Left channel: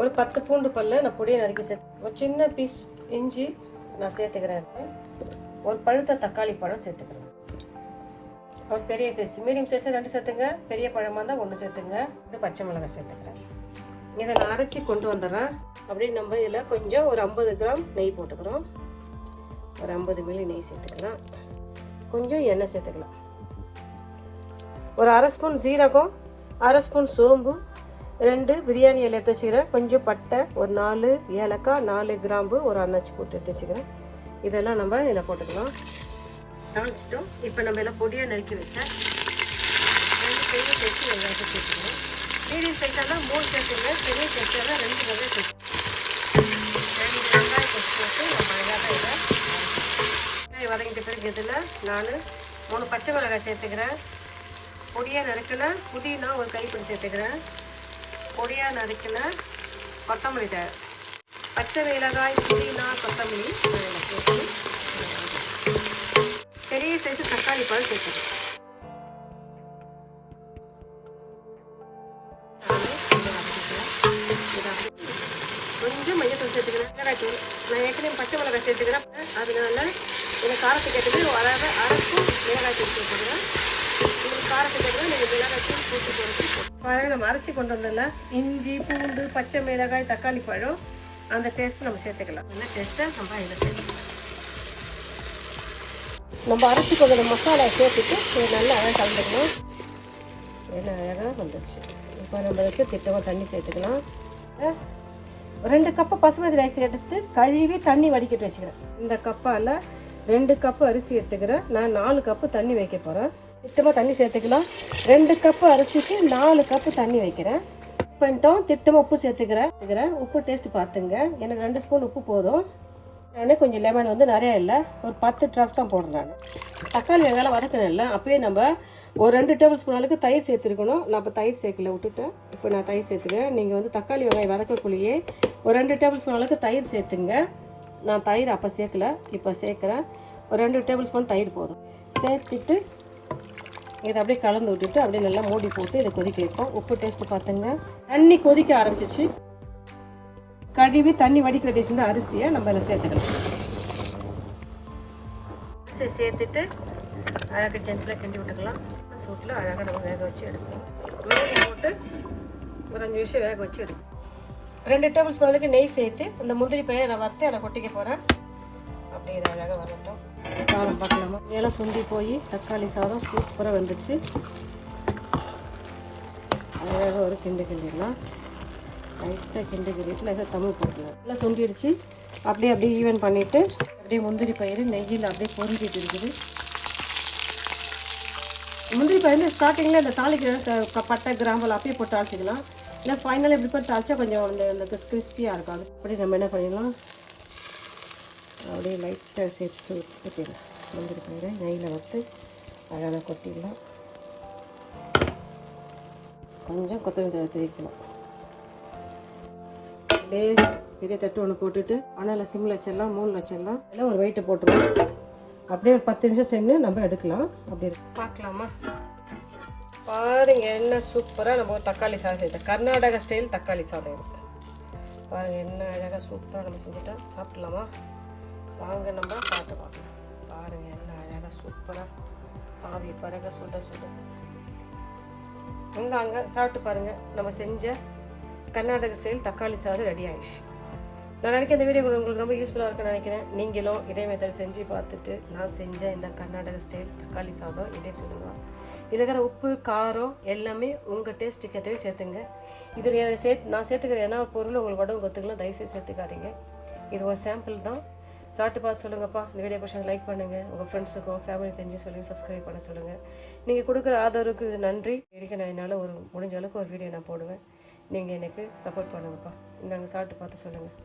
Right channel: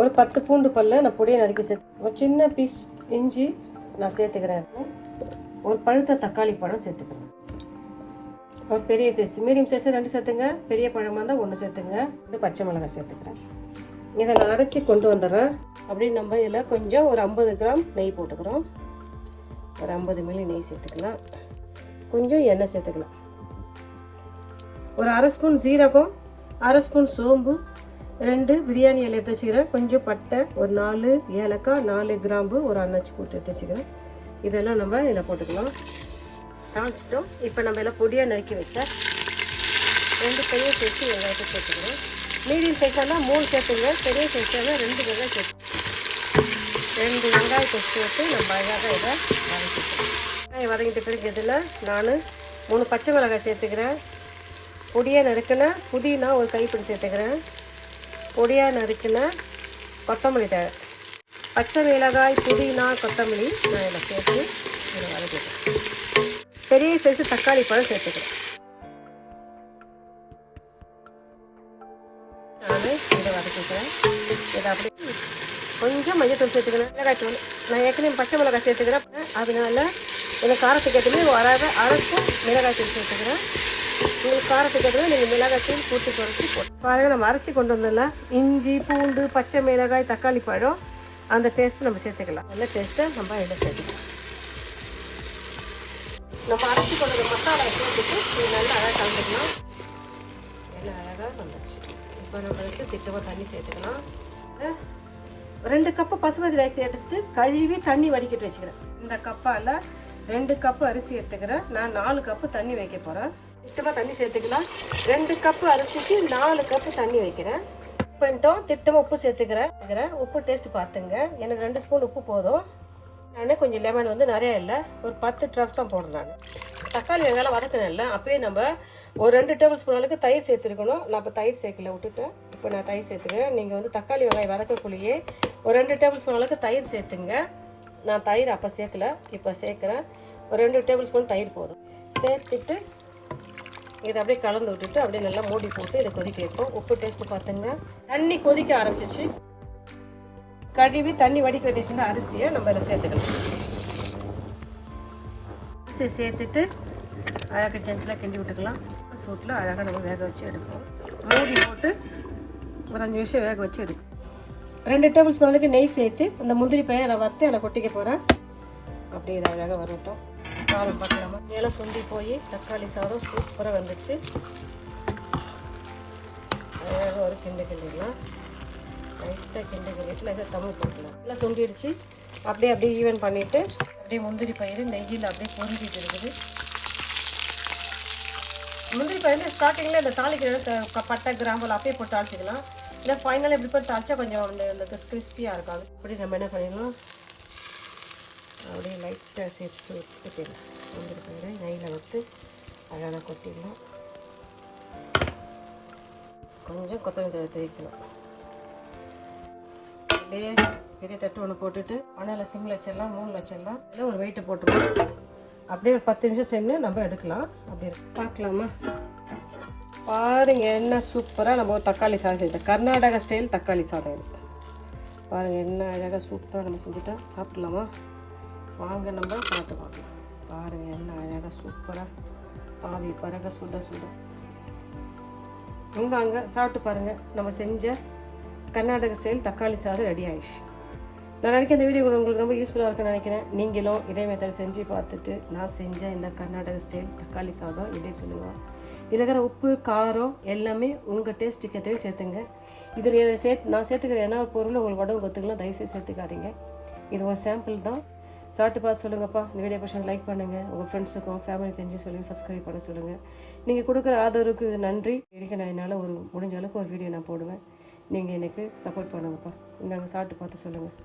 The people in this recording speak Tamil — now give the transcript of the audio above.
ஒரு 10 பூண்டு பல்ல நான் பொடியை நறுக்கி சேர்த்து, ஒரு சின்ன பீஸ் இஞ்சி நான் சேர்த்துக்கிறேன். ஒரு பழுத்த தக்காளி பழம் சேர்த்துக்கிறேன். ஒரு பெரிய சைஸ், மீடியம் சைஸ் 2 சேர்த்துங்க. பெரிய பழமாக இருந்தால் 1 சேர்த்துங்க. இது பச்சை மிளகாய் சேர்த்துக்கிறேன். இதை நான் அரைச்சி கொண்டு வந்துடுறேன். அப்படி நம்ம இதில் கொஞ்சம் ஒரு 50 கிராம் நெய் போட்டுக்கிறோம். ஒரு 50 மில்லி நெய் சேர்த்துக்கலாம். கொஞ்சம் எண்ணெய் சேர்த்துக்கலாம். ஒரு அரை ஸ்பூன் சீரகம், அரை ஸ்பூன் சோம்பு, 2 பிரியாணி இலை எடுத்து வச்சுக்கிறேன். கொஞ்சம் பட்டை, ஒரு 4 ஏலக்காய், 4 கிராம்பு, ஒரு அன்னாச்சி போட்டு எடுத்து வச்சுக்கிறேன். இதெல்லாம் நம்ம இதில் போட்டுக்கலாம். தாளிச்சிட்டோம். இப்போ நம்ம எல்லாம் பொடியாக நறுக்கி வச்ச 2 கையும் சேர்த்து வெங்காயத்தை சேர்த்துக்கிறோம். மீடியம் சைஸாக தான் 3 சேர்த்துங்க. பெரிய சைஸாக தான் 2 வெங்காயம் சேர்த்து 2 வெங்காயத்தை சேர்த்து நம்ம அழகாக இதை வதங்கிட்ட பிறகு இதில் நான் 3 பச்சை மிளகாய் சேர்த்துக்கிறேன். பொடியாக நறுக்கின புதினா ஒரு கைப்பிடி சேர்த்துக்கிறேன். பொடியாக நறுக்கின கொத்தமல்லி தழை, பச்சை மிளகாய், புதினா, கொத்தமல்லி நான் சேர்த்து பெரிய சைஸு தக்காளி பழம் சேர்த்துக்கிறேன். இதை வதக்கிக்கிறேன். இதை அப்படி கொஞ்சம் மஞ்சத்தூள் சேர்த்துக்கிறேன். மிளகாய் தூள் நான் ஏற்கனவே பச்சை மிளகாய் சேர்த்துக்கிறேன். அதனால எனக்கு காரத்துக்கு ஏற்றது ஒரு அரை ஸ்பூன் மிளகாய் தூள் சேர்த்துக்கிறேன். உங்களுக்கு காரத்துக்கு ஏற்றது நீங்கள் மிளகாய் தூள் கூட்டி குறைச்சி பாருங்கள். நம்ம அரைச்சி கொண்டு வந்தோம்ல இஞ்சி, பூண்டு, பச்சை மிளகாய், தக்காளி பழம், அந்த டேஸ்ட்டு நம்ம சேர்த்துக்கலாம். நல்ல டேஸ்ட்டை நம்ம இதில் சேர்த்துக்கலாம். நம்ம அரைச்சி கொண்டு வந்த மசாலா சேர்த்துட்டு இது நல்லா அழகாக கலந்துக்கணும். எல்லாம் அழகாக வந்துடுச்சு. இப்போ நம்ம இதுக்கு திட்டமாக தண்ணி சேர்த்துக்கலாம். 2 கப்பு பசுமதி ரைஸ் எடுத்து கழுவி தண்ணி வடிக்கிட்டு வச்சுக்கிறேன். இந்த கப்பால் 2 கப்பு அரிசி எடுத்துக்கிறேன். நான் 4 கப்பு தண்ணி வைக்க போகிறேன். திட்டமாக தண்ணி சேர்த்துக்கலாம். 2 கப்பு அரிசிக்கு 4 கப்பு தண்ணி வைக்கிறேன். பண்ணிட்டோம். திட்டமாக உப்பு சேர்த்துக்கிறேன். உப்பு டேஸ்ட் பார்த்துங்க. எனக்கு 2 ஸ்பூன் உப்பு போதும். நான் கொஞ்சம் லெமன் வந்து நிறையா இல்லை, ஒரு 10 ட்ராப்ஸ் தான் போடுறேன். நான் தக்காளி வெங்காயம் வதக்கணும் இல்லை, அப்போயே நம்ம ஒரு 2 டேபிள் ஸ்பூன் அளவுக்கு தயிர் சேர்த்துருக்கணும். நான் இப்போ தயிர் சேர்க்கல, விட்டுட்டேன். இப்போ நான் தயிர் சேர்த்துக்கிறேன். நீங்கள் வந்து தக்காளி வெங்காயம் வதக்கக்குள்ளேயே ஒரு 2 டேபிள் ஸ்பூன் அளவுக்கு தயிர் சேர்த்துங்க. நான் தயிர் அப்போ சேர்க்கல, இப்போ சேர்க்குறேன். ஒரு 2 டேபிள் ஸ்பூன் தயிர் போதும். சேர்த்துட்டு இதை அப்படியே கலந்து விட்டுட்டு அப்படியே நல்லா மூடி போட்டு இதை கொதிக்க வைப்போம். உப்பு டேஸ்ட்டு பார்த்துங்க. தண்ணி கொதிக்க ஆரம்பிச்சிச்சு. கழுவி தண்ணி வடிக்க வச்சிருந்த அரிசியை நம்ம இதில் சேர்த்துக்கலாம். அரிசியை சேர்த்துட்டு அழகாக ஜென்டிலாக கிண்டி விட்டுக்கலாம். சூட்டில் அழகாக நம்ம வேக வச்சு எடுப்போம். மூடி போட்டு ஒரு 5 நிமிஷம் வேக வச்சு எடுப்போம். 2 டேபிள் ஸ்பூன் அளவுக்கு நெய் சேர்த்து இந்த முந்திரி பயிரை நான் வறுத்து அதில் கொட்டிக்க போகிறேன். அப்படியே இதை அழகாக வரட்டும். சாதம் பார்க்கலாமா? இதெல்லாம் சுண்டி போய் தக்காளி சாதம் சூப்பராக வந்துடுச்சு. அழகாக ஒரு கிண்டிடலாம். லைட்டாக கிண்டிட்டு லைட்டாக தமிழ் போட்டுக்கலாம். எல்லாம் சுண்டிடுச்சு. அப்படியே ஈவன் பண்ணிவிட்டு அப்படியே முந்திரி பயிர் நெய்யில் அப்படியே பொரிஞ்சிட்டு இருக்குது. முந்திரி பயிர் ஸ்டார்டிங்கில் இந்த தாளிக்கிற பட்டை கிராம்பல் அப்படியே போட்டு தாளிச்சிக்கலாம். இல்லை ஃபைனலாக எப்படி போட்டு தாளிச்சா கொஞ்சம் அந்த கிறிஸ்பியாக இருக்காது. அப்படி நம்ம என்ன பண்ணிடலாம், அப்படியே லைட்டாக சேர்த்து ஊற்றிடலாம். முந்திரி பயிரை நெய்யில் வறுத்து அழகாக கொட்டிடலாம். கொஞ்சம் கொத்தமல்லி தழை வைக்கலாம். அப்படியே பெரிய தட்டு ஒன்று போட்டுட்டு அணையில் சிம்மில் வச்சிடலாம், 3 வச்சிடலாம். இல்லை ஒரு வெயிட்டை போட்டுருவோம். அப்படியே ஒரு 10 நிமிஷம் சென்று நம்ம எடுக்கலாம். அப்படி பார்க்கலாமா? பாருங்கள் என்ன சூப்பராக நம்ம தக்காளி சாதம் செய்தோம். கர்நாடகா ஸ்டைல் தக்காளி சாதம் இது. பாருங்கள் என்ன அழகாக சூப்பராக நம்ம செஞ்சுட்டோம். சாப்பிட்லாமா? வாங்க நம்ம சாப்பிட்டு பார்க்கலாம். பாருங்கள் என்ன அழகாக சூப்பராக ஆவி பாருங்க சுட சுட. அங்கே சாப்பிட்டு பாருங்கள். நம்ம செஞ்ச கர்நாடக ஸ்டைல் தக்காளி சாதம் ரெடி ஆயிடுச்சு. நான் நினைக்கிறேன் இந்த வீடியோ உங்களுக்கு ரொம்ப யூஸ்ஃபுல்லாக இருக்குன்னு நினைக்கிறேன். நீங்களும் இதே மெத்தட் செஞ்சு பார்த்துட்டு நான் செஞ்ச இந்த கர்நாடக ஸ்டைல் தக்காளி சாதம் இப்படியே சொல்லுங்கள். இதில் இருக்கிற உப்பு காரம் எல்லாமே உங்கள் டேஸ்ட்டுக்கு ஏற்றவே சேர்த்துங்க. இதில் நான் சேர்த்துக்கிற என்ன பொருள் உங்களுக்கு உடம்பு ஒத்துக்கலாம், தயவுசெய்து சேர்த்துக்காதீங்க. இது ஒரு சாம்பிள் தான். சாப்பிட்டு பார்த்து சொல்லுங்கப்பா. இந்த வீடியோ பிடிச்சா லைக் பண்ணுங்கள். உங்கள் ஃப்ரெண்ட்ஸுக்கும் ஃபேமிலி தெரிஞ்சு சொல்லுங்கள், சப்ஸ்கிரைப் பண்ண சொல்லுங்கள். நீங்கள் கொடுக்குற ஆதரவுக்கு இது நன்றி. நான் என்னால் முடிஞ்ச அளவுக்கு ஒரு வீடியோ நான் போடுவேன். நீங்கள் எனக்கு சப்போர்ட் பண்ணுங்கப்பா. நாங்கள் சாப்பிட்டு பார்த்து சொல்லுங்கள்.